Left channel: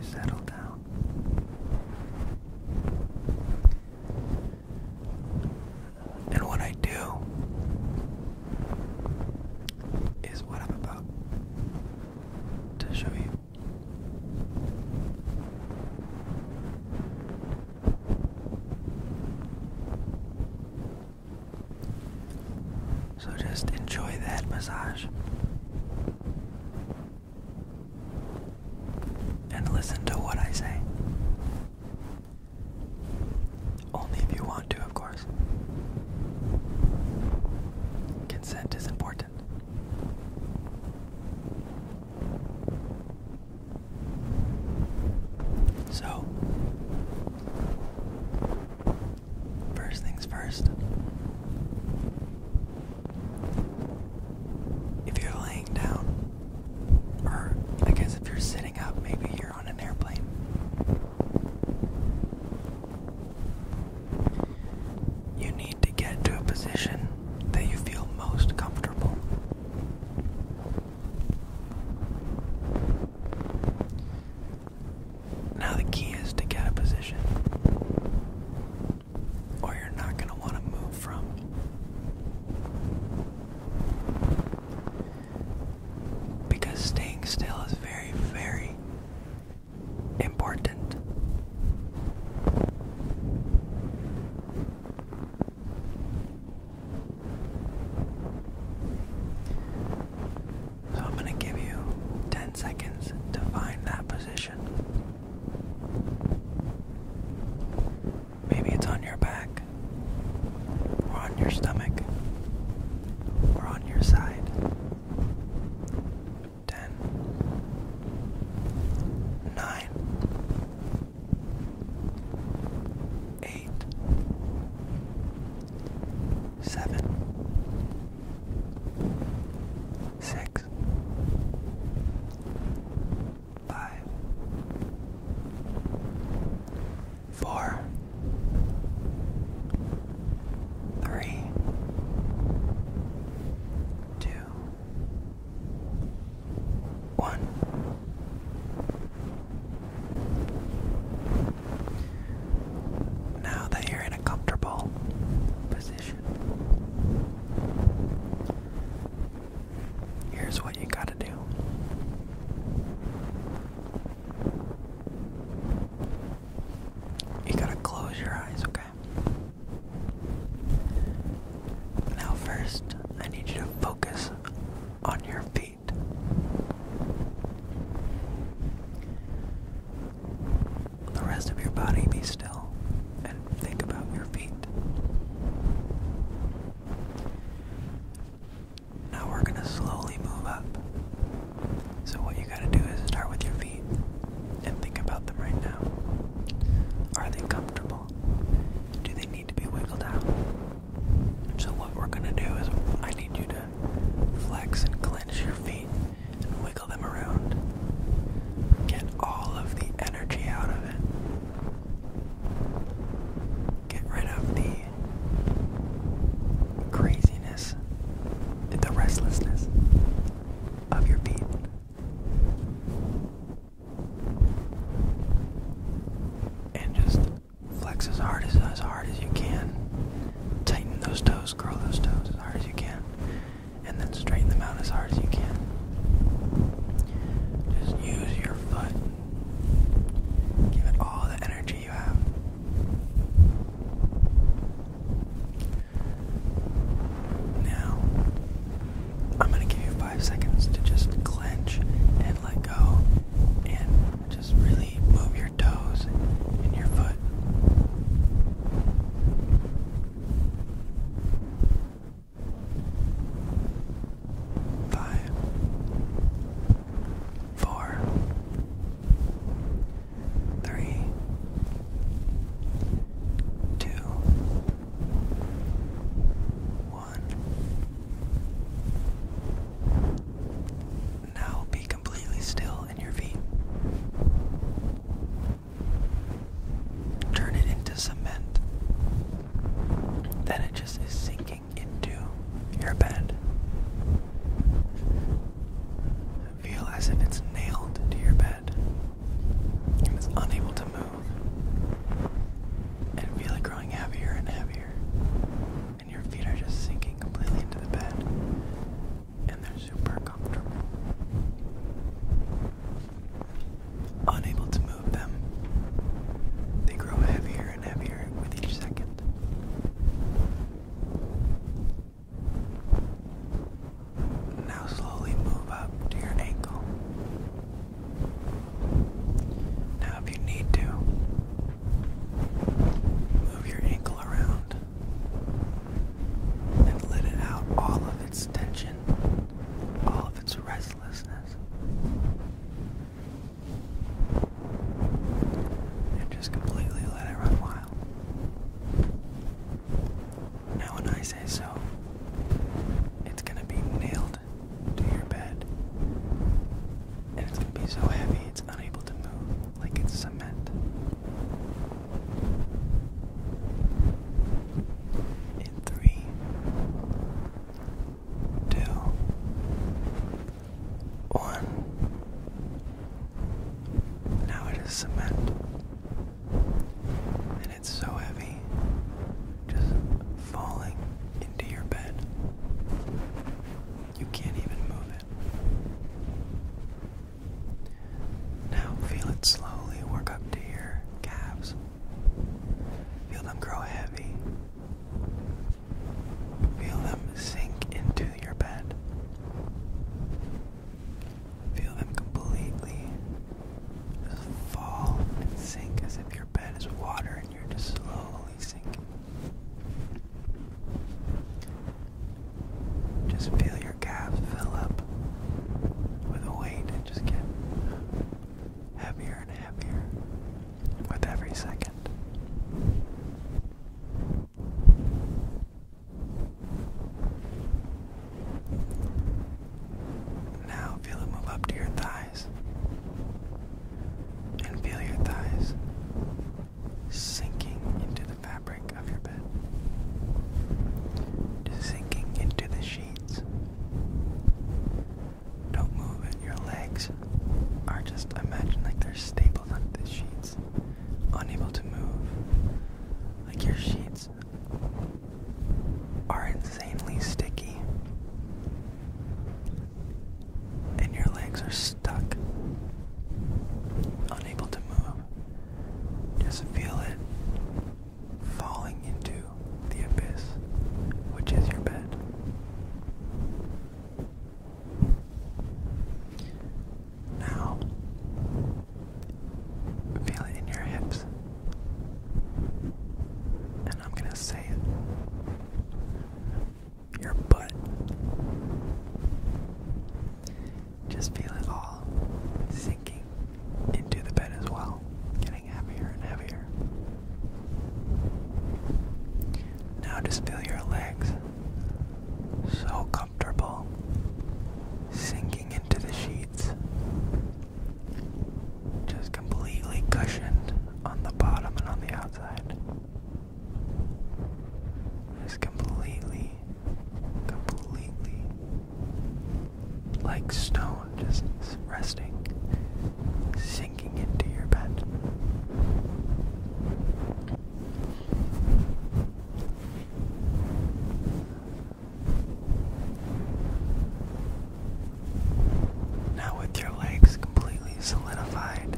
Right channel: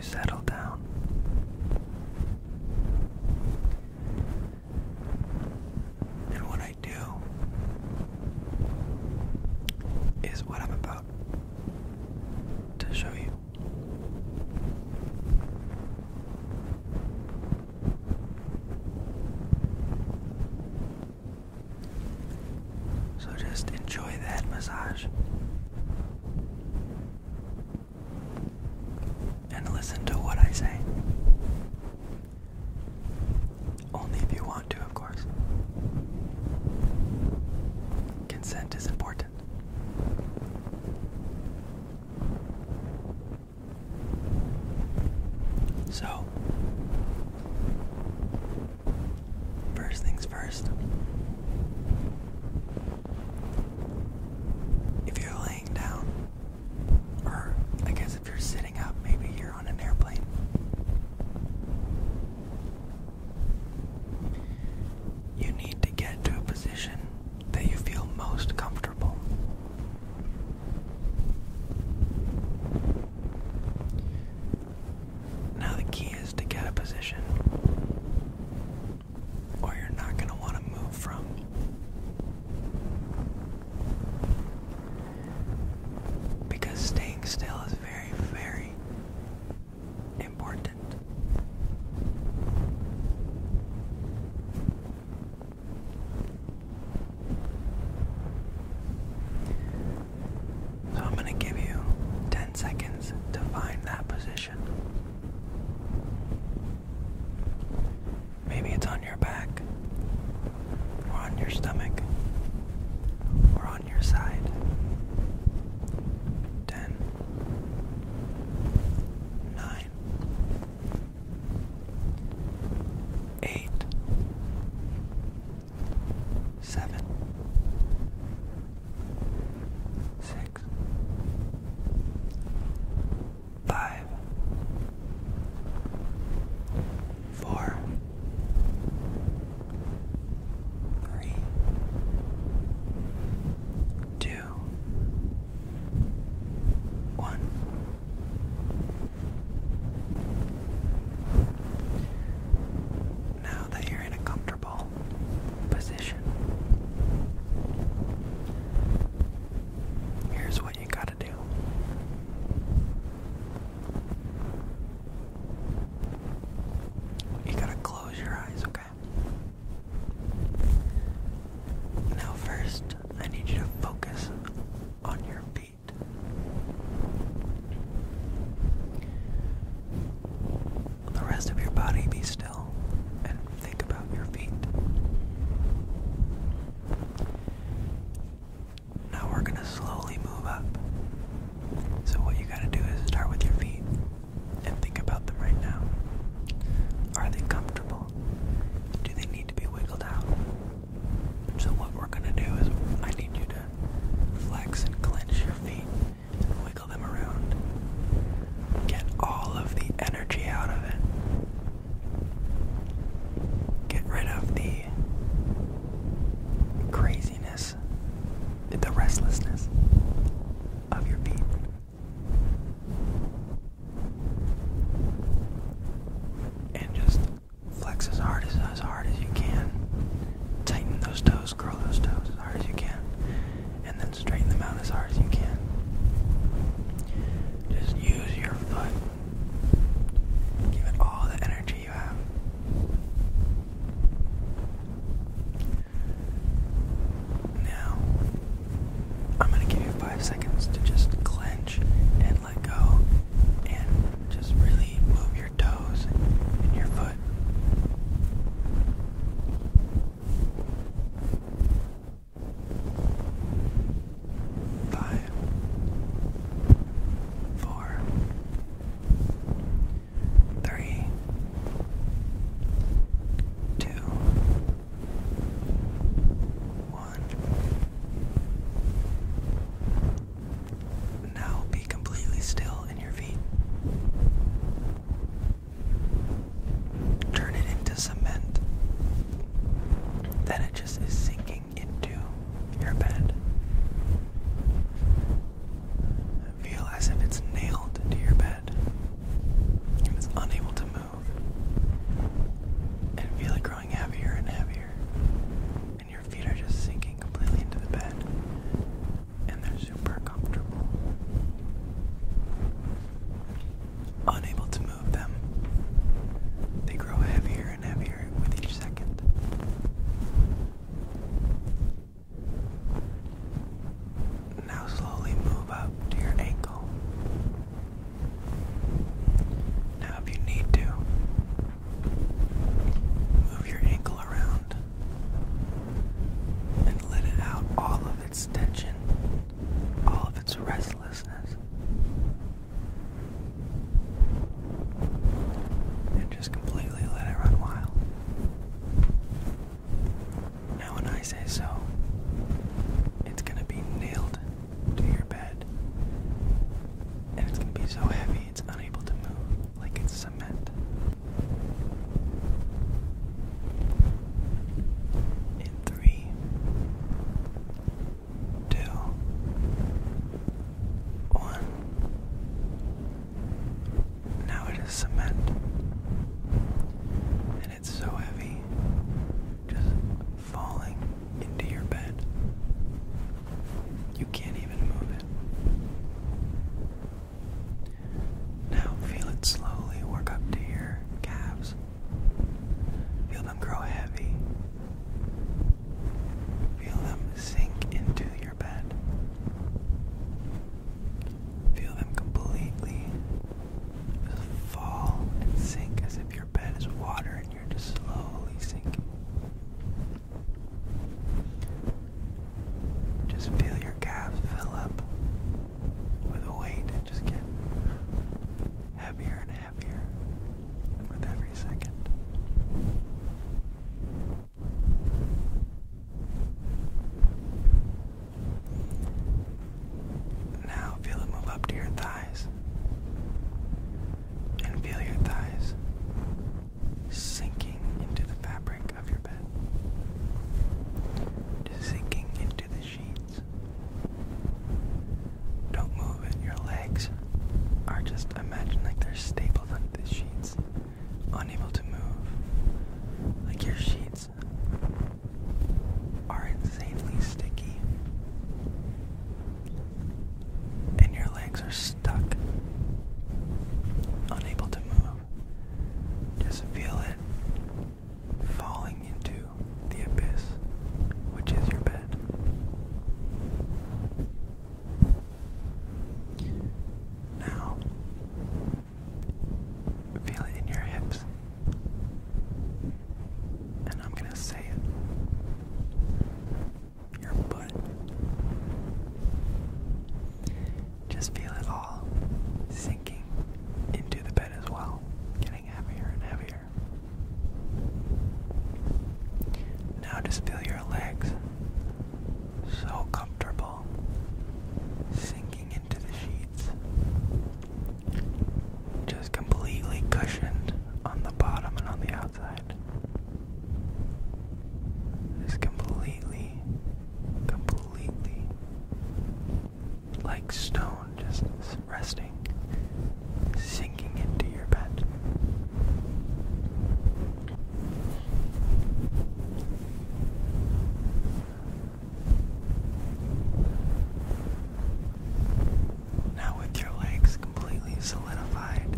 settle down. And what I do is what I'm about to show you. So just enjoy the head massage. And listen to what I say. Only if you want to, of course. Consent is important. So, first things first. If you're laying down, or I guess if you're sitting up, maybe you're on an airplane. You need to get to a position that you feel most comfortable. Now the key is to get a position, or you're not going to want to move from. Because staying still is very, very important. So I'm going to give you 10 seconds to find that position. Maybe it's on your back, or on your stomach, or on your side. 10, 9, 8, 7, 6, 5, 4, 3, 2, 1. Now that you're in a comfortable position, here's what you gotta do. You gotta close your eyes, okay? Now first, I need you to focus on your feet. The rest of your body be still and think about your feet. Now we're gonna slowly move up. So what you gotta do is start with your feet and think about them right now. Are they comfortable? Do they need to be wiggled out? So what we're gonna do is I need you to flex and clench your feet and wiggle them around. Get all of the energy out of it. Get rid of the craziness, the restlessness of your feet. And just flex as hard as you can. Tighten those toes, curl those toes as hard as you can. And then straighten them out as hard as you can. Just use your foot. Give it all the energy you have. Now, I'm going to give you 5 seconds to just clench and let go and just really move your toes and your foot. 5, 4, 3, 2, 1. Now be completely still in your feet. Turn it into cement. Then it just is sinking into your bed. Feel as if it's nailed to your bed. its tension, all of its restlessness, and just completely let it run wild. Now when I say so, it's going to be nailed to your bed, and it's going to be so heavy it's unable to move, like it's cement. In 3, 2, 1. Now it is cement, and it's so heavy, just falling into your bed. You can't even move it. Now feel it slowly work up to your calves. Feel them grow heavy. Feel them sink into your bed. Feel them completely just fall and sink as if your bed is water and you're just slowly sinking. Just feel your calves fill up with weight and just get heavier and heavier with every second. Now feel it move up to your thighs, and feel your thighs sinking into the fabric of your bed, just sinking into the sheets. Don't move it. Your legs are just, imagine like they're stapled onto the sheets, unable to move. Like your sheets are insanely sticky, and your legs are stuck, unable to move. Just feel it falling into the abyss, which is your bed. Now, feel it in your hips, and I'm gonna say it. Your butt. Just feel it all sinking into the bed as well, getting heavier and heavier. Now just feel your legs, so comfortable, sinking into the sheets, just completely cushioned on the bottom and on the outside. Just completely like stone, just resting, sinking into your bed. Now with your legs completely solidified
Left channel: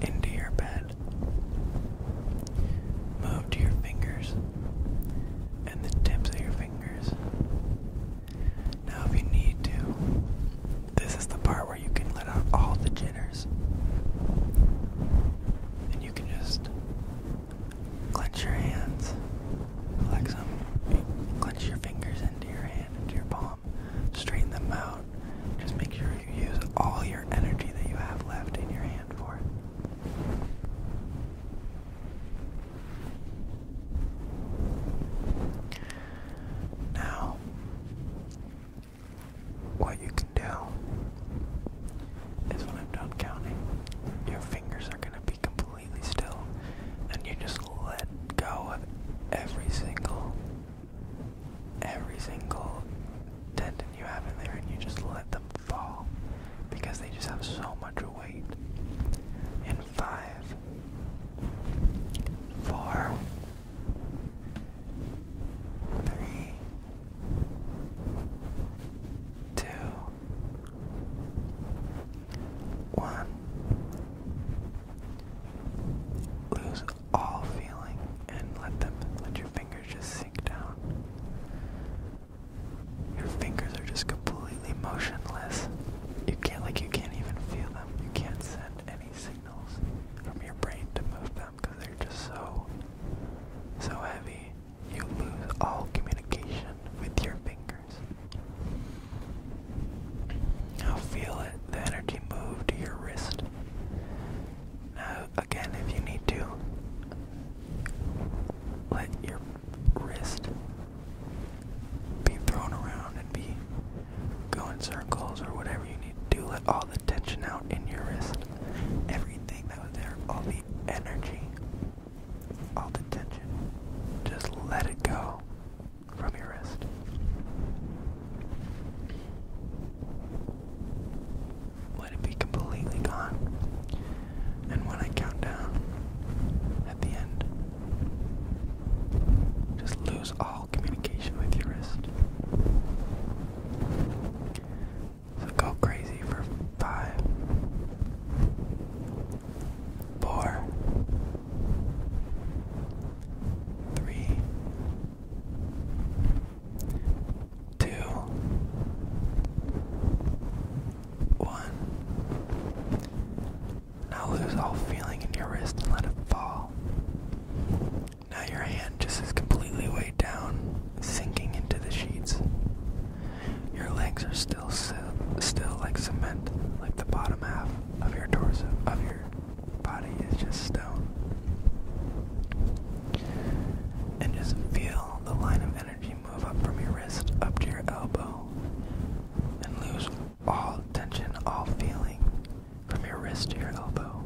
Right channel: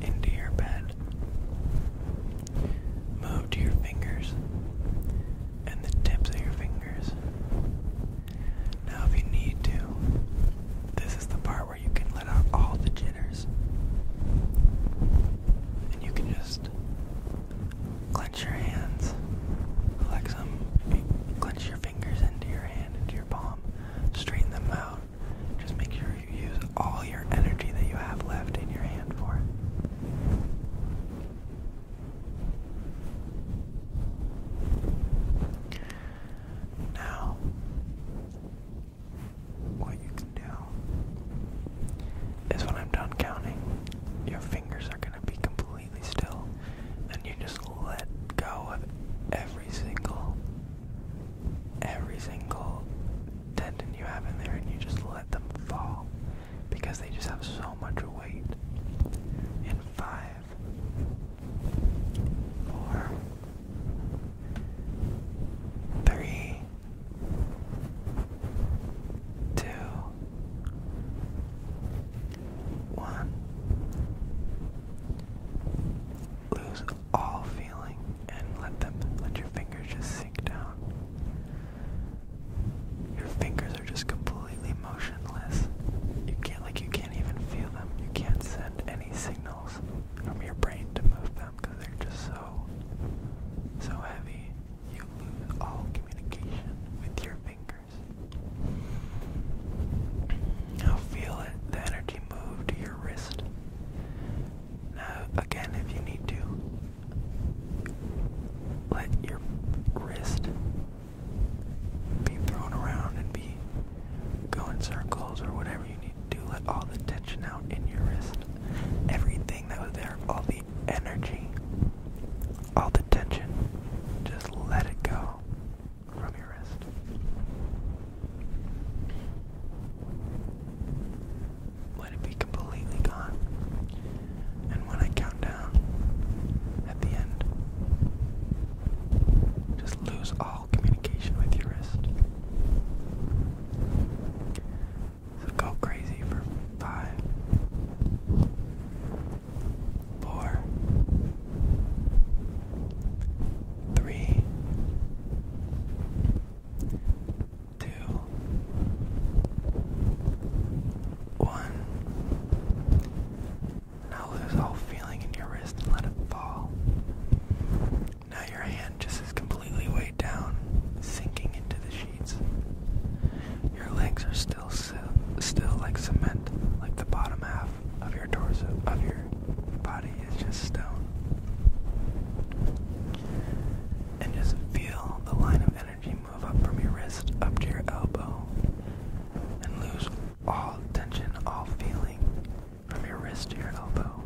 into your bed, move to your fingers and the tips of your fingers. Now if you need to, this is the part where you can let it go from your wrist. Let it be completely gone. And when I count down at the end, just lose all communication with your wrist. So go crazy for 5, 4, 3, 2, 1. Now lose all feeling in your wrist and let it fall. Now your hand just is completely weighed down, sinking into the sheets. Your legs are still like cement, like the bottom half of your torso, of your body is just stone. And just feel the line of energy move up from your wrist up to your elbow, and lose all tension, all feeling from your wrist to your elbow.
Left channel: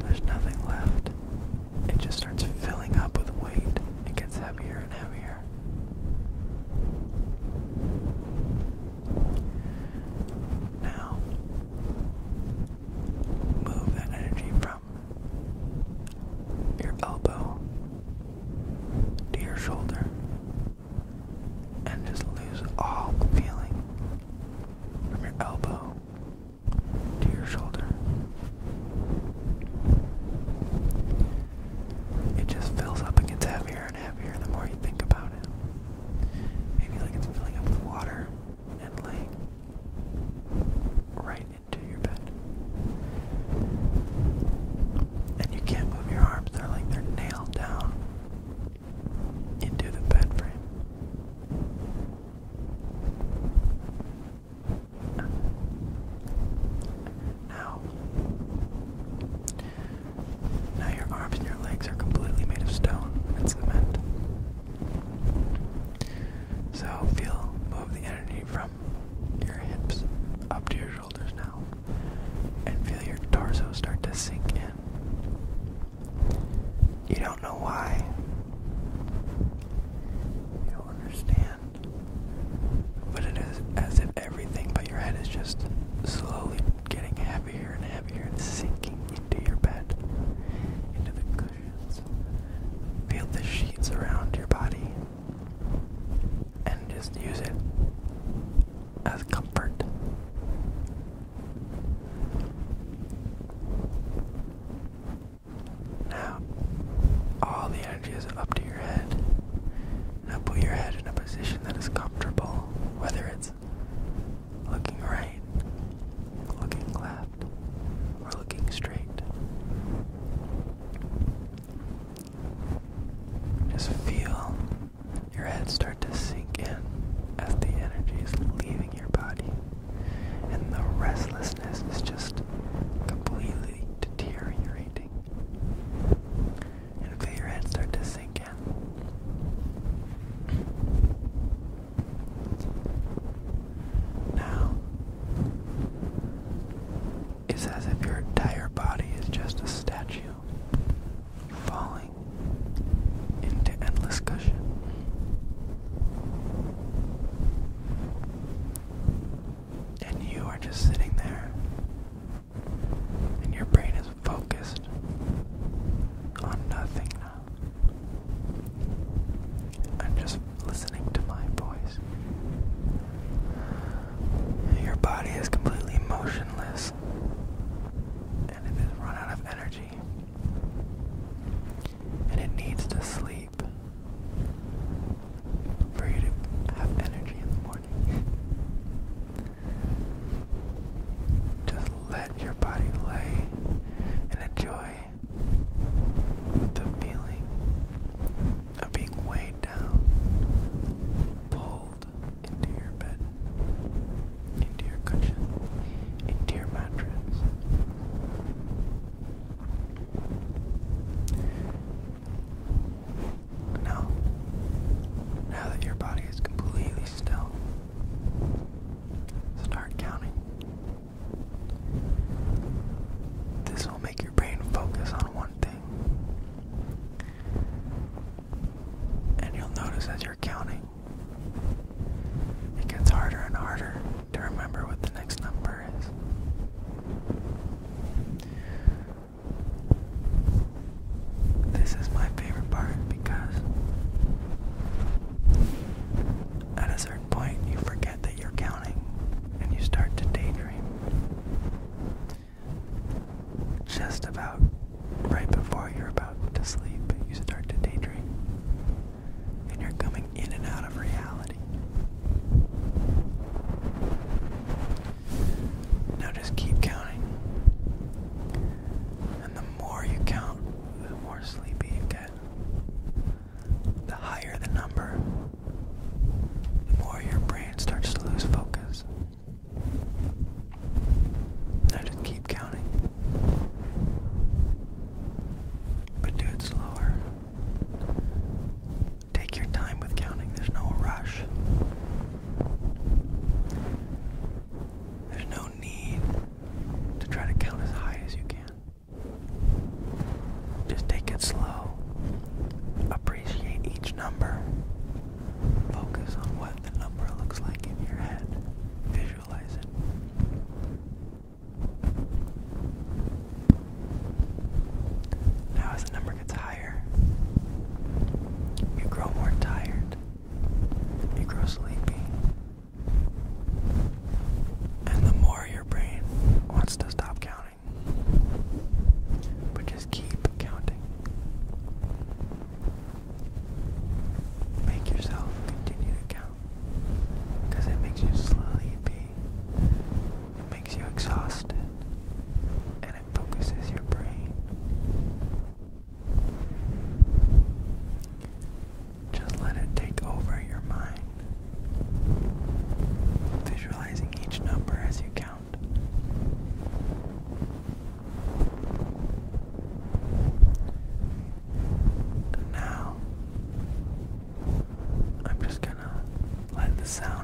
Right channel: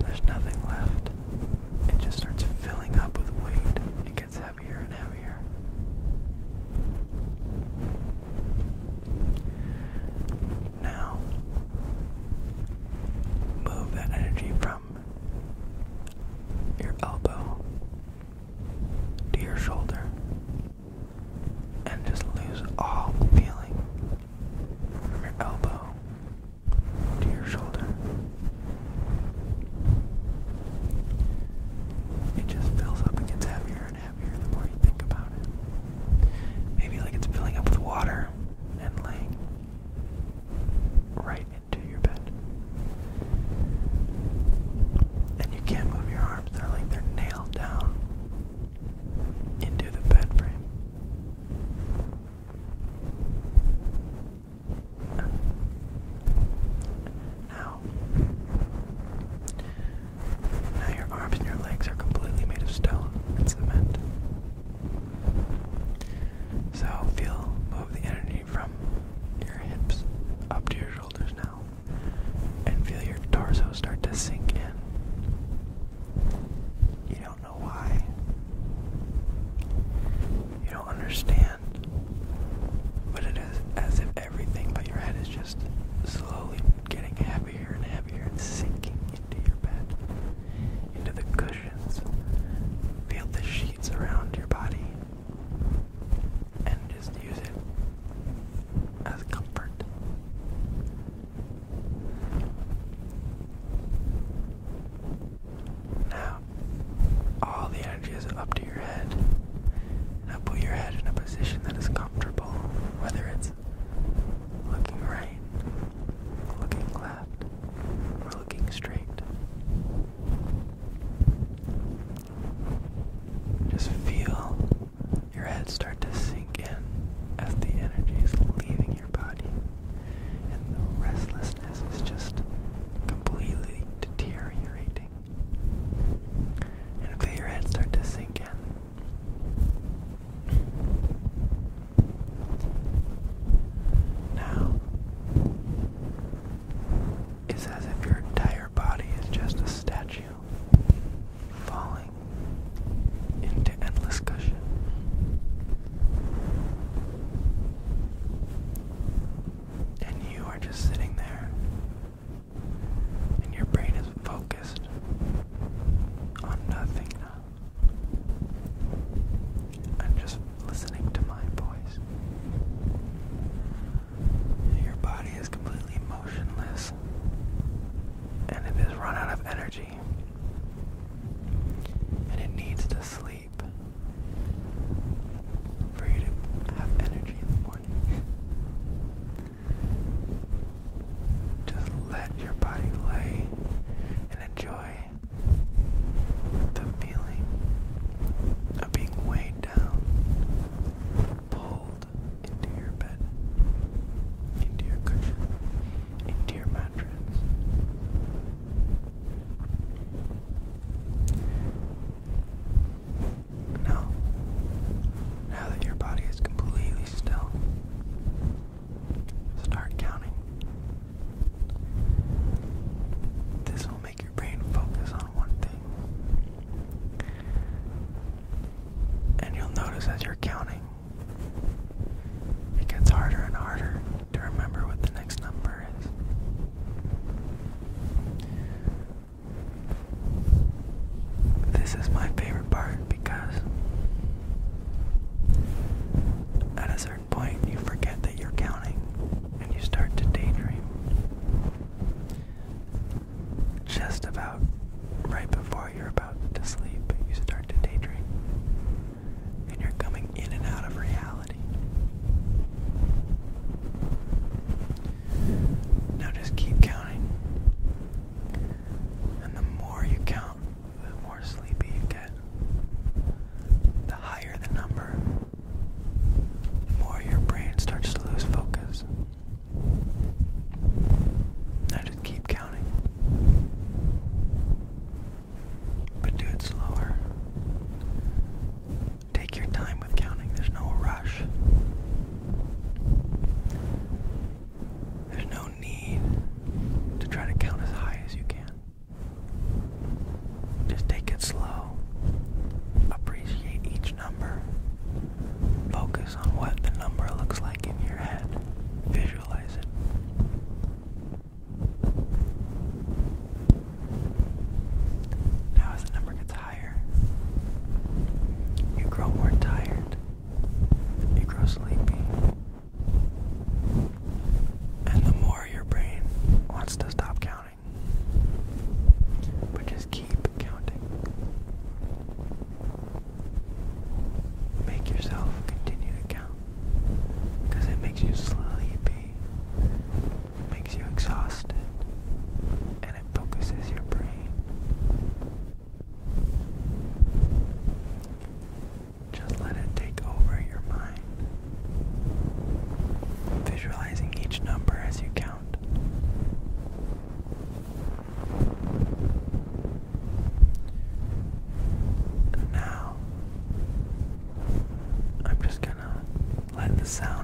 There's nothing left. It just starts filling up with weight. It gets heavier and heavier. Now, move that energy from your elbow to your shoulder and just lose all feeling from your elbow to your shoulder. It just fills up and gets heavier and heavier the more you think about it. Maybe like it's filling up with water and laying right into your bed. And you can't move your arms, they're nailed down into the bed frame. Now your arms and your legs are completely made of stone and cement. So move the energy from your hips up to your shoulders now, and feel your torso start to sink in. You don't know why. You don't understand. But it is as if everything but your head is just slowly getting heavier and heavier and sinking into your bed, into the cushions. Feel the sheets around your body and just use it as comfort. Now, all the energy is up to your head. Now put your head in a position that is comfortable, whether it's looking right, looking left, or looking straight. Just feel your head start to sink in as the energy is leaving your body, and the restlessness is just completely deteriorating. And feel your head start to sink in. Now, it's as if your entire body is just a statue falling into endless cushion. And you are just sitting there, and your brain is focused on nothing now. I'm just listening to my voice. Your body is completely motionless, and it has run out of energy, and it needs to sleep for you to have energy in the morning. Just let your body lay and enjoy the feeling of being weighed down, pulled into your bed, into your cushion, into your mattress. notice as you're counting, it gets harder and harder to remember what the next number is. This is my favorite part because at a certain point you forget that you're counting and you start to daydream. Just about right before you're about to sleep, you start to daydream. And you're coming in and out of reality. Now just keep counting. And the more you count, the more sleepy you get. The higher the number, the more your brain starts to lose focus. Now just keep counting. But do it slower. Take your time with counting. There's no rush. There's no need to try to count as high as you can. Just take it slow. Appreciate each number. Focus on what the number looks like in your head. Visualize it. Now as the number gets higher, you grow more tired. You grow sleepy. And the more your brain wants to stop counting. But just keep counting. Make yourself continue to count. Because it makes you sleepy. It makes you exhausted. And it focuses your brain. Just let it take over your mind. Visualizing each number as you count. Now, I'm just gonna let the sound